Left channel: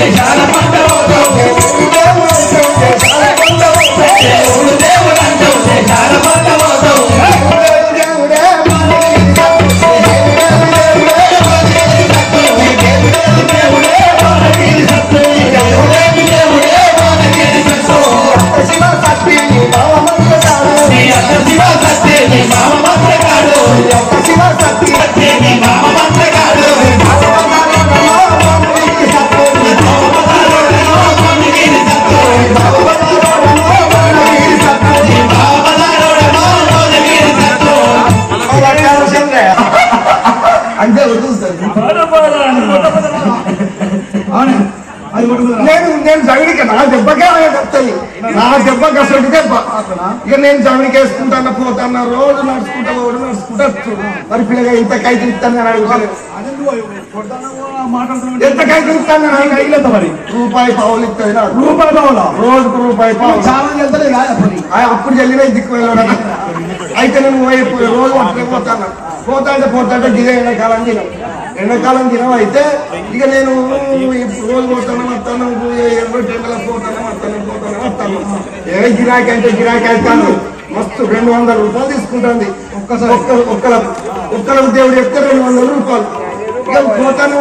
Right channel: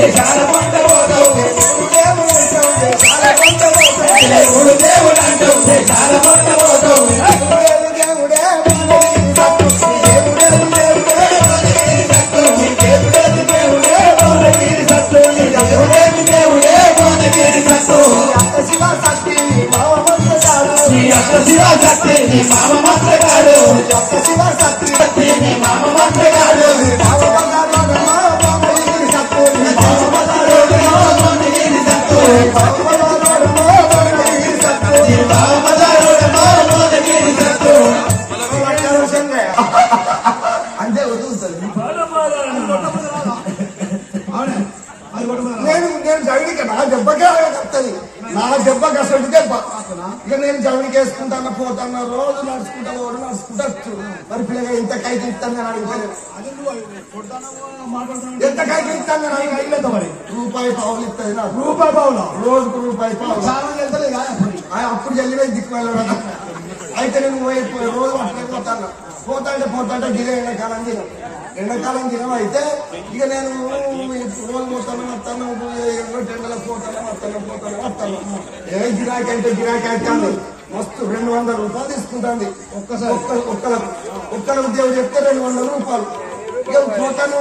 దేశాల పంట పోతావు దేశాల పంట పోతావు దేవుడు అంటావు దేశాల పంట పోతావు నేను జగడికి నా దెబ్బకే వస్తాయి నా దెబ్బకి అసలు దెబ్బ ఇక నేను జగడికి వేసుకుంటాను పోతాను రోజు నడుచుకుంటా నడుచుకుంటా మరి పిల్లగా ఇంత కైకి ఇస్తాను అడుగుతాను ఎంత కైకి ఇస్తాను అడిగలేదు మరి రూపాయి పావులు ఇస్తుంది రూపాయి పావుల రోజుకు రూపాయి పావులు అప్పుడు వెళ్ళిన దిక్కు వెళ్ళడం అయితే నేను రోజు పోతాను పోతాంటే దిగే ఎండాకాలం దినం అయితే ఇక నేను రోజు పోతాను వస్తాను ఏ గిరాకీ అంటే గిరాకీ అవుతాను మస్తు 200 రూపాయలు తీసుకుంటుంది ఒక్కల దేవుడు చెప్తే 200 రూపాయలు ఇక పోతాను